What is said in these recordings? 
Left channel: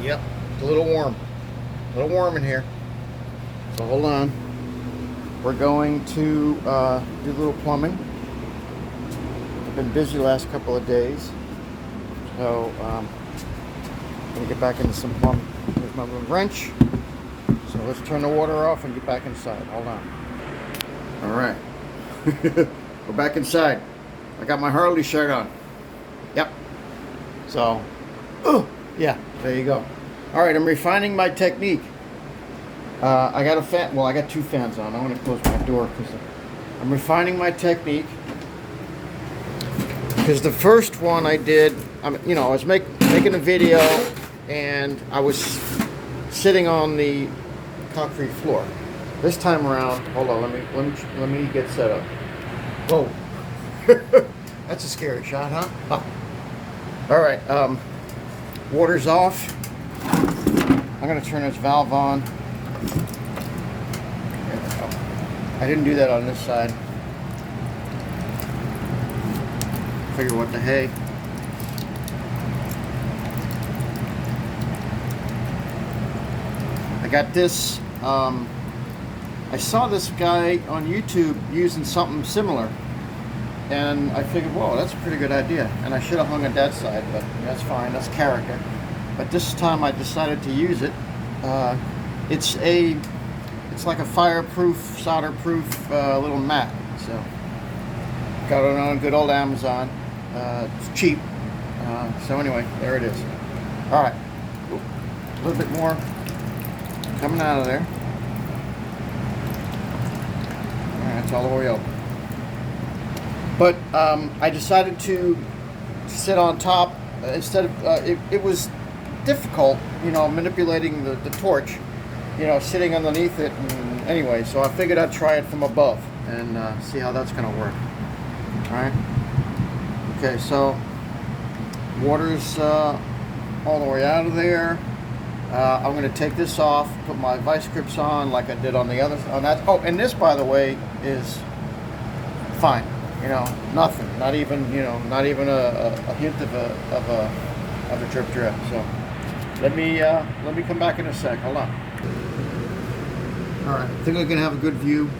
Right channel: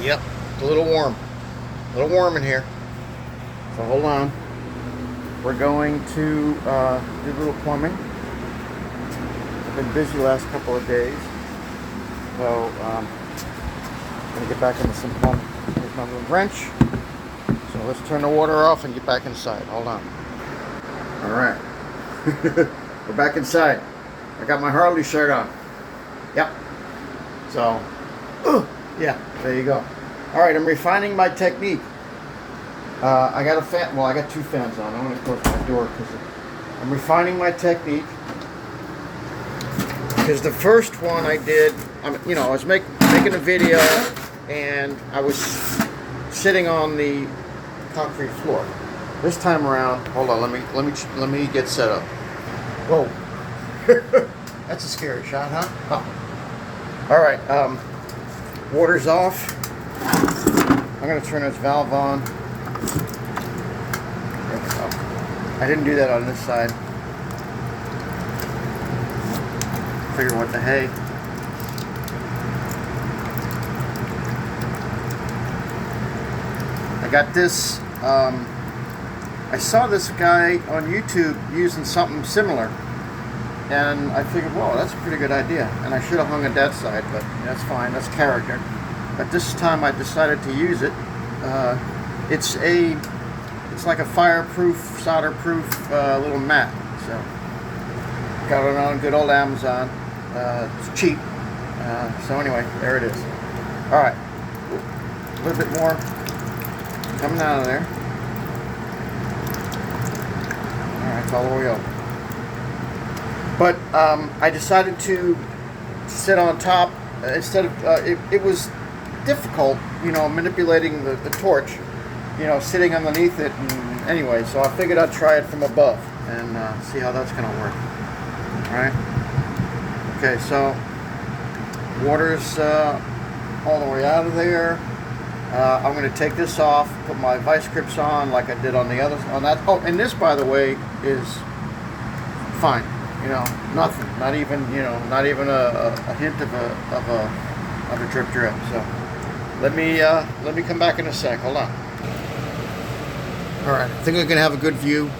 Yep, it's a little warm. A little warm in here. So hold on. We're going to do a little plumbing. I've been busy last couple of days. So I'm going to get back into some plumbing. Here's my little wrench. So let's turn the water off and get back inside. Hold on. All right. We're back inside. I got my Harley shirt on. Yep. So, yeah, there you go. All right, I'm refining my technique. I got a fan. Well, I got two fans on. I'm going to close my door because I'm refining my technique. Because the first one I did, I was making a video and I was sitting on the concrete floor. This time around, hold on. Let me get set up. Whoa, that's a scary shot, huh? Oh. All right, water's off. I'm gonna turn this valve on. There we go. I didn't do that on this side. Figure what the hey. I got this. I saw this guy on YouTube using something similar, and I figured, whoa, that's a pretty good idea. And I should have hung it that side, but that's fine. That's character. But this time I decided to use it. It's like a fireproof, solder-proof little mat. So got it on good old Amazon. It's cheap. So anyway, there it is. All right, a little bit more coming out of there. All right, it's all the way open. But I decided to sit on top instead of it was difficult, manipulating the torch, sitting underneath it. And anyway, so I figured I'd try it from above and see how that's going to work. All right. Okay, so water's all the way out of there. I'm going to take this off, put my vice grips on like I did on the other on that. Oh, and this, by the way, is fine. Nothing. Not even a hint of a drip. So let me come back in a sec. Hold on. All right, I think we can have a good view.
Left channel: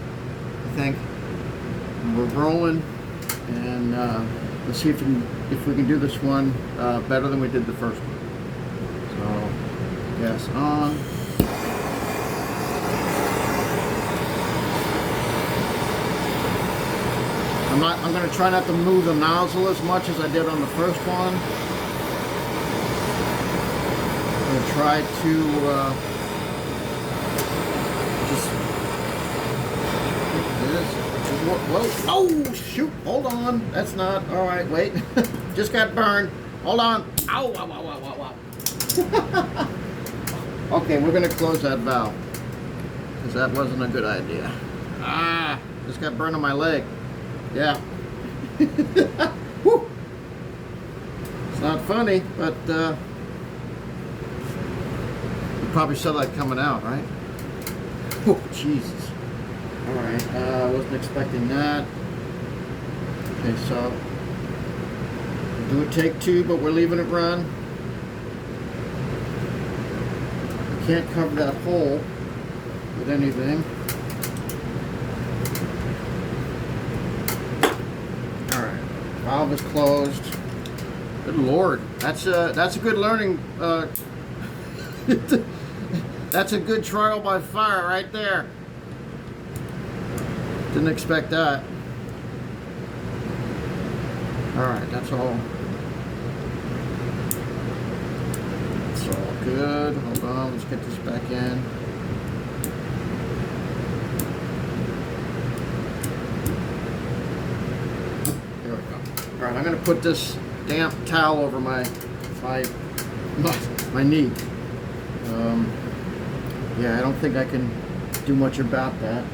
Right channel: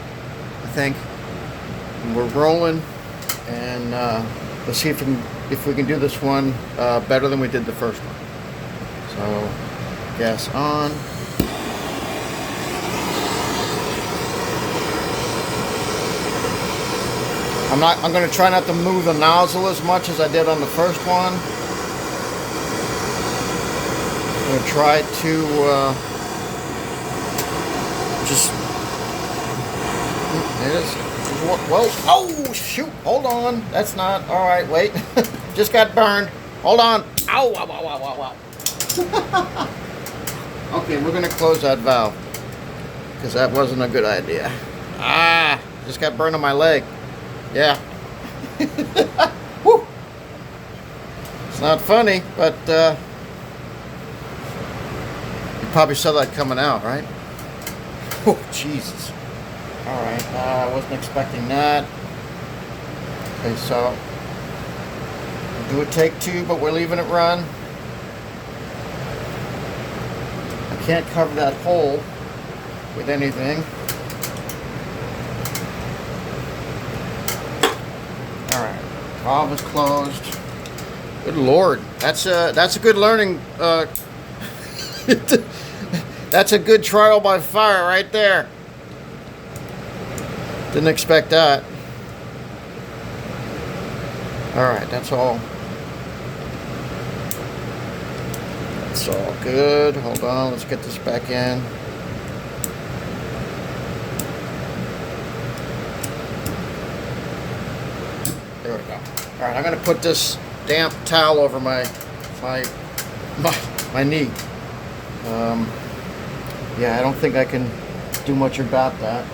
I think and we're rolling, and let's see if we can do this one better than we did the first one. So gas on. I'm going to try not to move the nozzle as much as I did on the first one. I'm going to try to just. Well, oh shoot! Hold on. That's not all right. Wait, just got burned. Hold on. Ow! Ow! Ow! Ow! Ow! Okay, we're going to close that valve because that wasn't a good idea. Just got burned on my leg. Yeah. Woo. It's not funny, but you probably saw that coming out, right? Oh, Jesus. All right, I wasn't expecting that. Okay, so do a take two, but we're leaving it run. I can't cover that hole with anything. Valve is closed. Good Lord, that's a good learning. That's a good trial by fire right there. Didn't expect that. All right, that's all. It's all good. Hold on, let's get this back in. All right, I'm going to put this damp towel over my knee. Yeah, I don't think I can do much about that.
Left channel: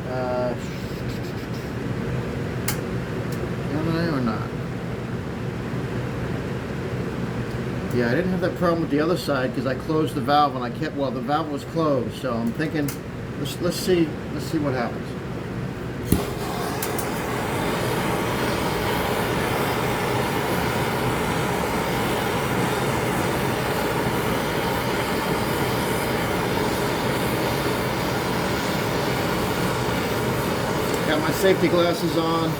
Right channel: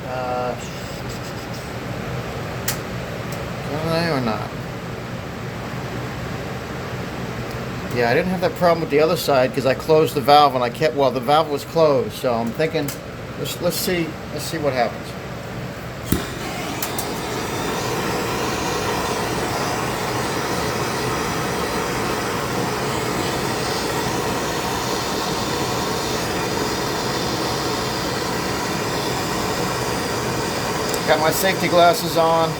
Can I or not? Yeah, I didn't have that problem with the other side because I closed the valve and the valve was closed. So I'm thinking, let's see what happens. my safety glasses on.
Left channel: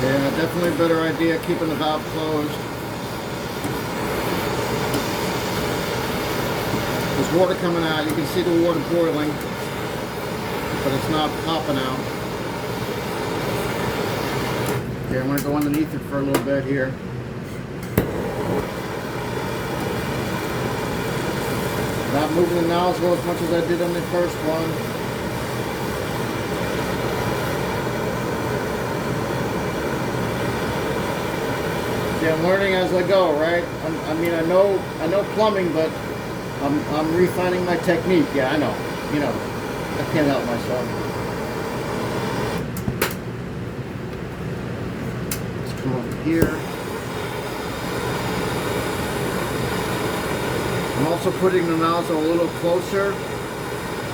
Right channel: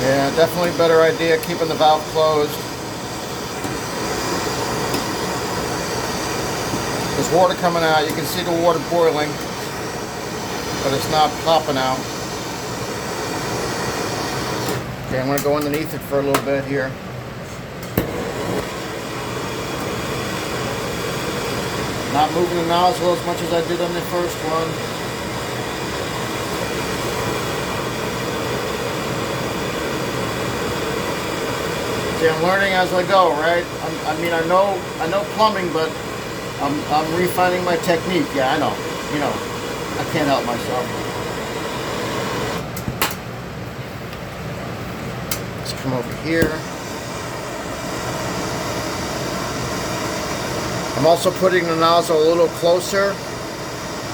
Yeah, definitely a better idea keeping the valve closed. There's water coming out. You can see the water boiling, but it's not popping out. Okay, I'm going to go underneath it for a little bit here. Not moving the nozzle as much as I did on the first one. See, I'm learning as I go, right? I mean, I know plumbing, but I'm refining my technique. Yeah, I know. You know, I can't help myself. Let's come over here. I'm also putting the nozzle a little closer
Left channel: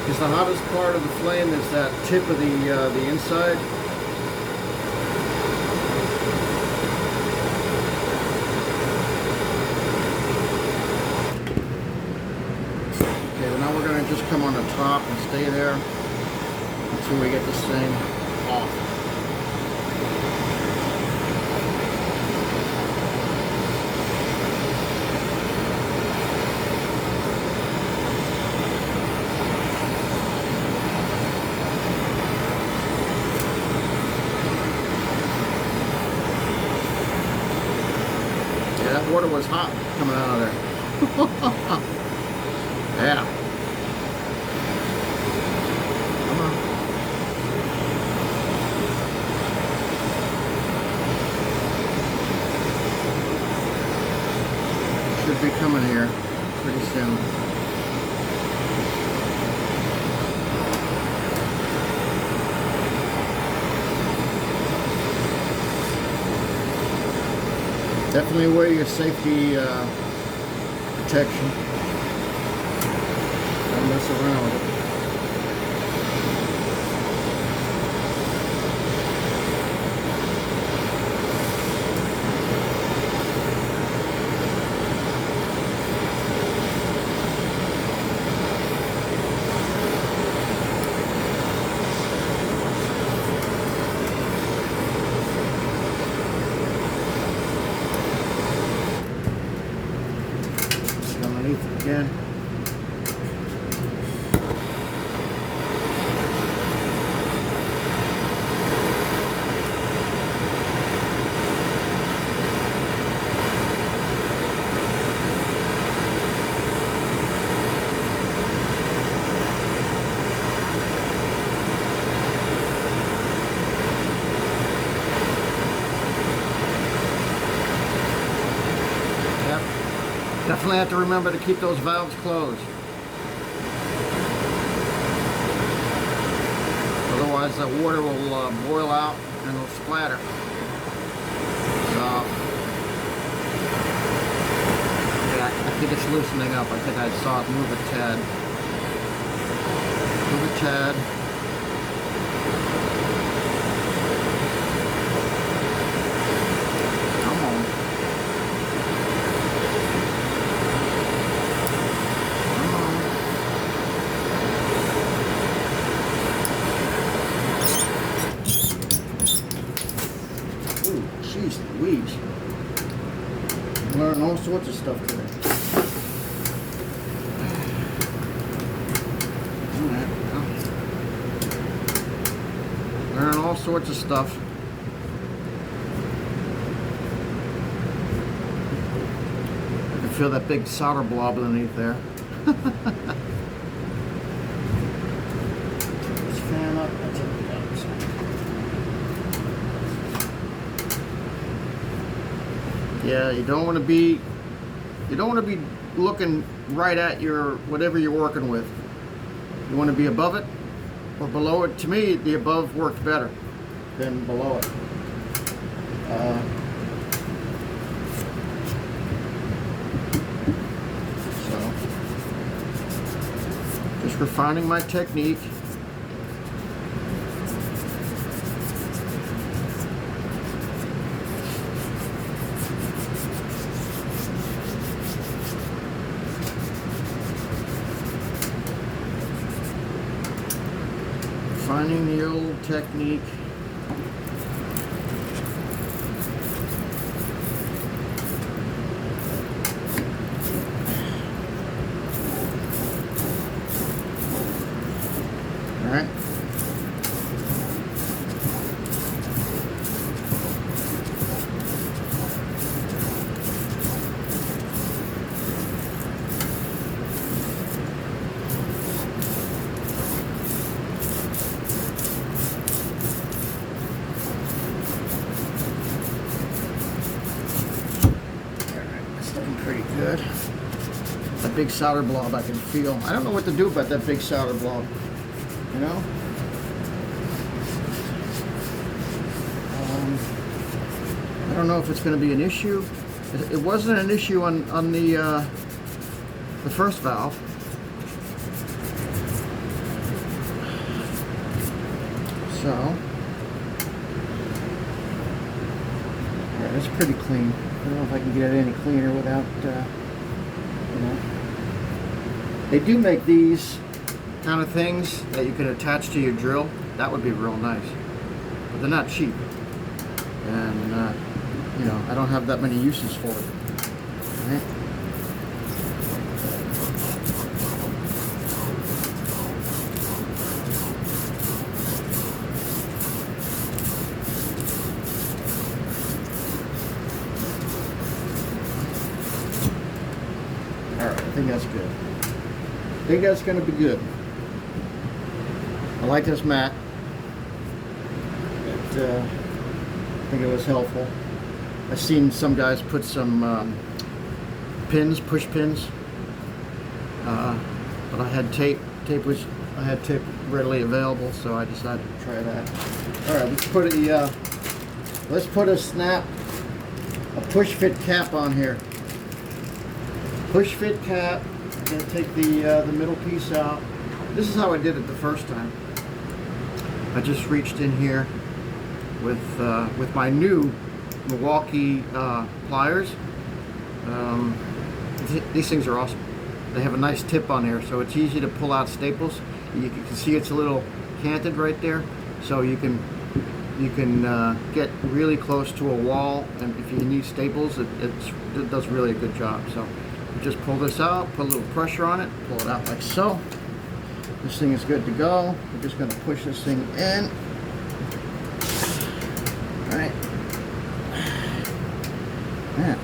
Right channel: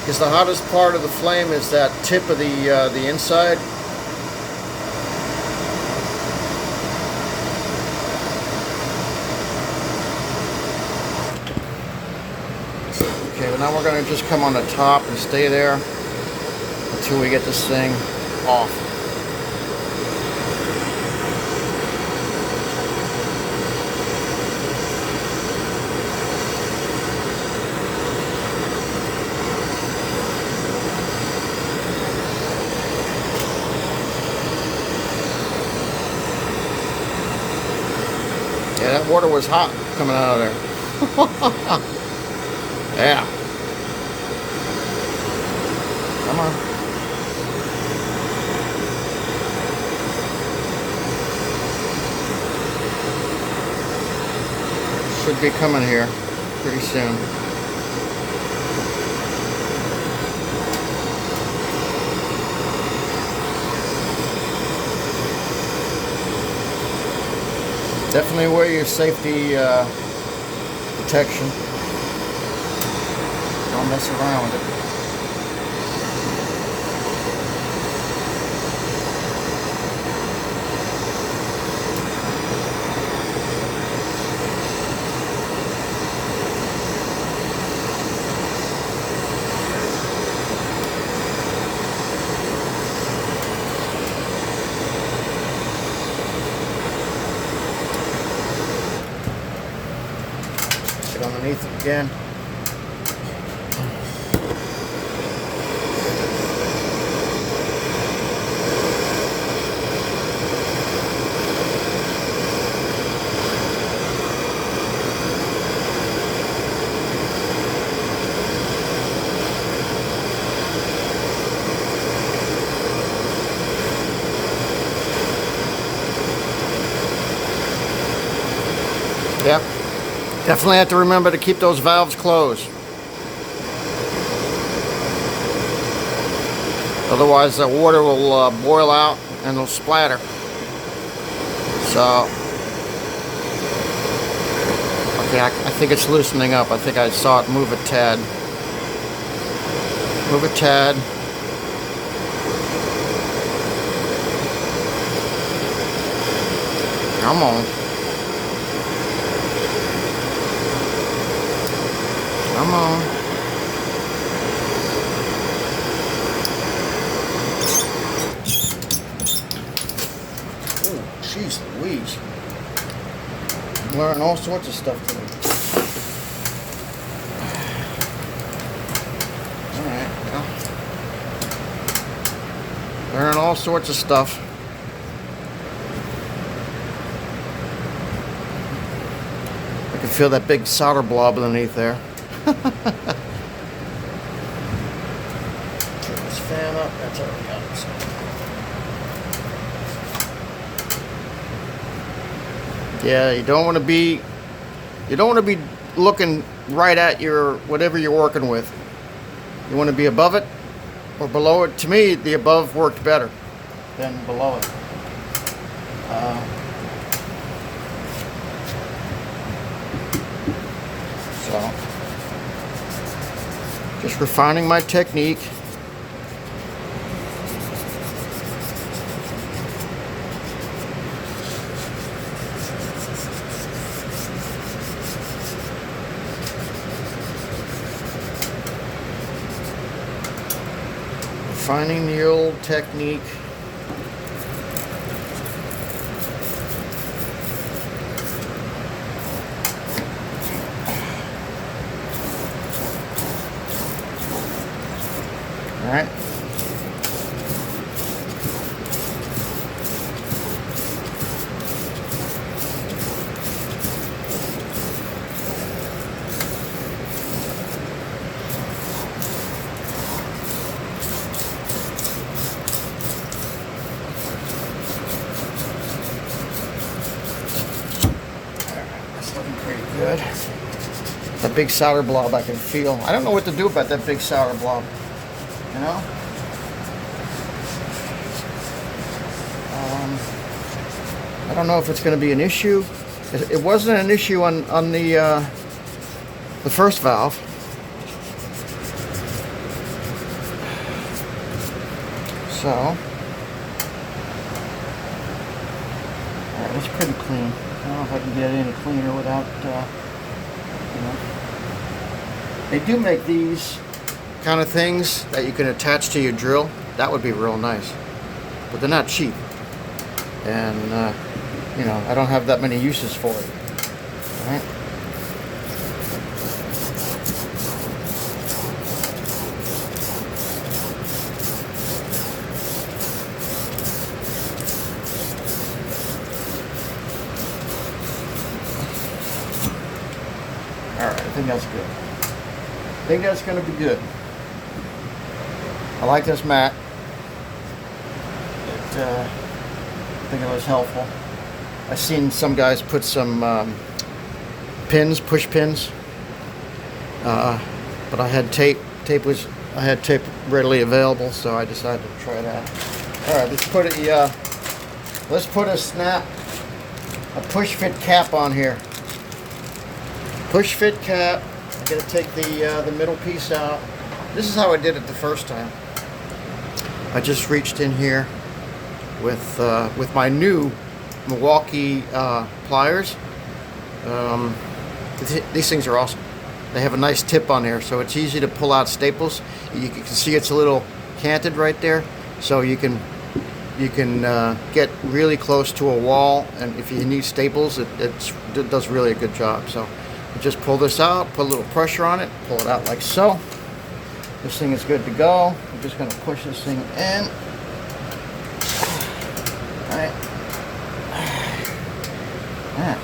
because the hottest part of the flame is that tip of the inside. Okay, now we're going to just come on the top and stay there until we get this thing off. Yeah, that water was hot coming out of there. Yeah. Come on. Should be coming here pretty soon. Definitely wear your safety protection. Don't mess around. Get underneath it again. Yep. Definitely have to remember to keep those valves closed. Otherwise the water will boil out and it'll splatter. So, yeah, I think it's loosening up. I think I saw it move a tad. Move a tad. Come on. Come on. Oh, jeez Louise. Learn all sorts of stuff today. Alright, well. Learn all sorts of stuff. I can feel that big solder blob underneath there. Let's fan up. That's how it goes. Yeah, you don't want to be looking right at your whatever you're working with. You want to be above it or below it. To me, the above worked better than below it. So, just refining my technique. Finding the old technique. All right. Pretty good. That big solder blob I can feel. I don't know what to do about that big solder blob. You know? I don't know if it's going to be an issue. It wasn't an issue on the first valve. So it's pretty clean. I don't know if I can get it any cleaner without, you know. They do make these kind of things that you can attach to your drill. That would be real nice. But they're not cheap. And, you know, I don't have that many uses for it. All right. I think that's good. I think that's going to be good. I like this mat. I think it was helpful. I've seen some guys put some pins, push pins, but I had tape. I had tape readily available, so I decided to try that. All right, let's put a push fit cap on here. Push fit cap. I'm gonna take the middle piece out. This is how I did it the first time. I just reached in here with my new Milwaukee pliers. These things are awesome. They have a nice tip on here, so it's easy to pull out staples. You can see it's a little canted right there, so you can get really close to a wall, and if you need staples, it does really a good job. So you just pull this out, put a little pressure on it, pull it out like so. This thing is good to go. I'm just going to push this thing in. All right. Yeah.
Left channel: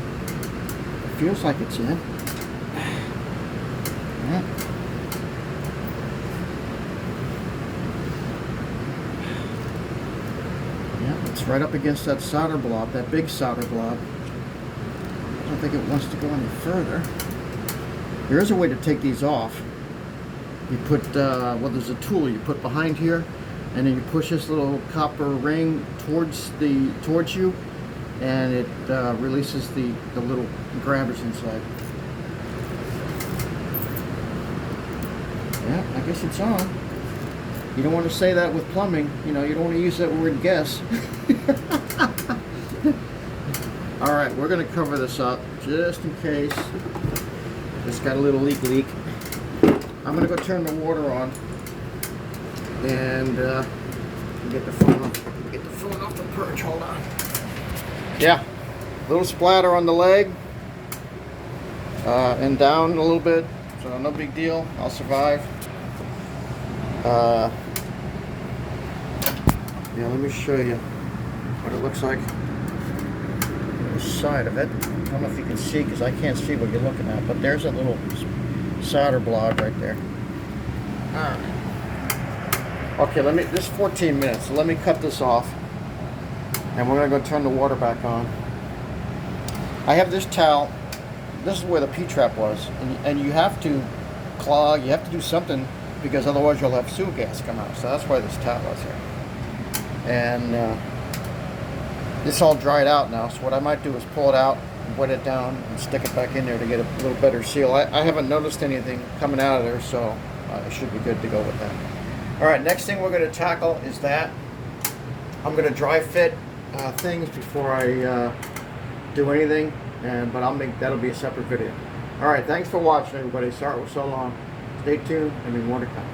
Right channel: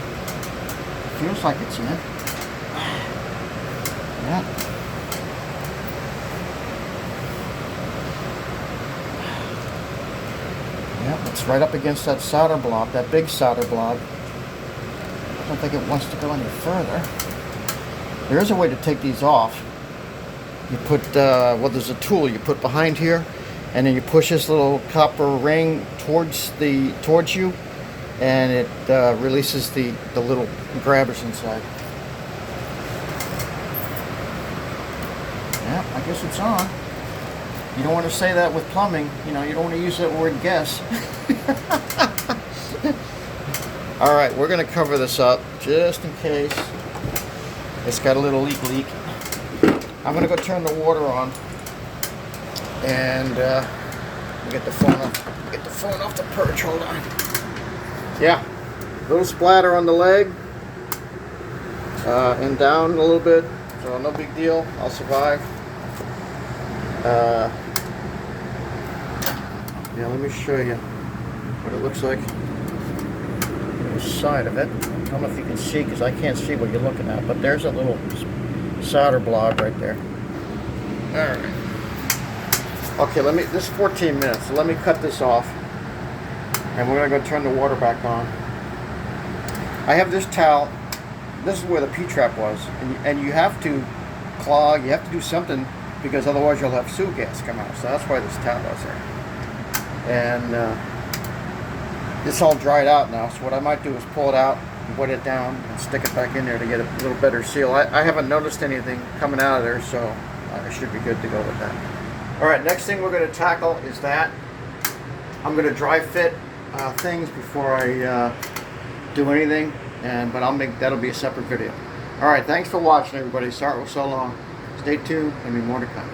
Feels like it's in. Yeah. Yep, it's right up against that solder blob, that big solder blob. I don't think it wants to go any further. There is a way to take these off. You put, well, there's a tool you put behind here, and then you push this little copper ring towards you, and it releases the little grabbers inside. Yeah, I guess it's on. You don't want to say that with plumbing. You know, you don't want to use that word guess. All right, we're going to cover this up just in case it's got a little leak. I'm going to go turn the water on and get the phone off the perch. Hold on. Yeah, little splatter on the leg and down a little bit, so no big deal. I'll survive. Yeah, let me show you what it looks like. The side of it. I don't know if you can see because I can't see what you're looking at, but there's a little solder blob right there. All right. Okay, this is 14 minutes, so let me cut this off, and we're gonna go turn the water back on. I have this towel. This is where the P-trap was, and you have to clog. You have to do something because otherwise you'll have sewer gas come out. So that's why this towel was there. And it's all dried out now. So what I might do is pull it out, wet it down, and stick it back in there to get a little better seal. I haven't noticed anything coming out of there, so I should be good to go with that. All right, next thing we're going to tackle is that. I'm going to dry fit things before I do anything, but that'll be a separate video. All right, thanks for watching, everybody. Sorry it was so long. Stay tuned. There'll be more to come.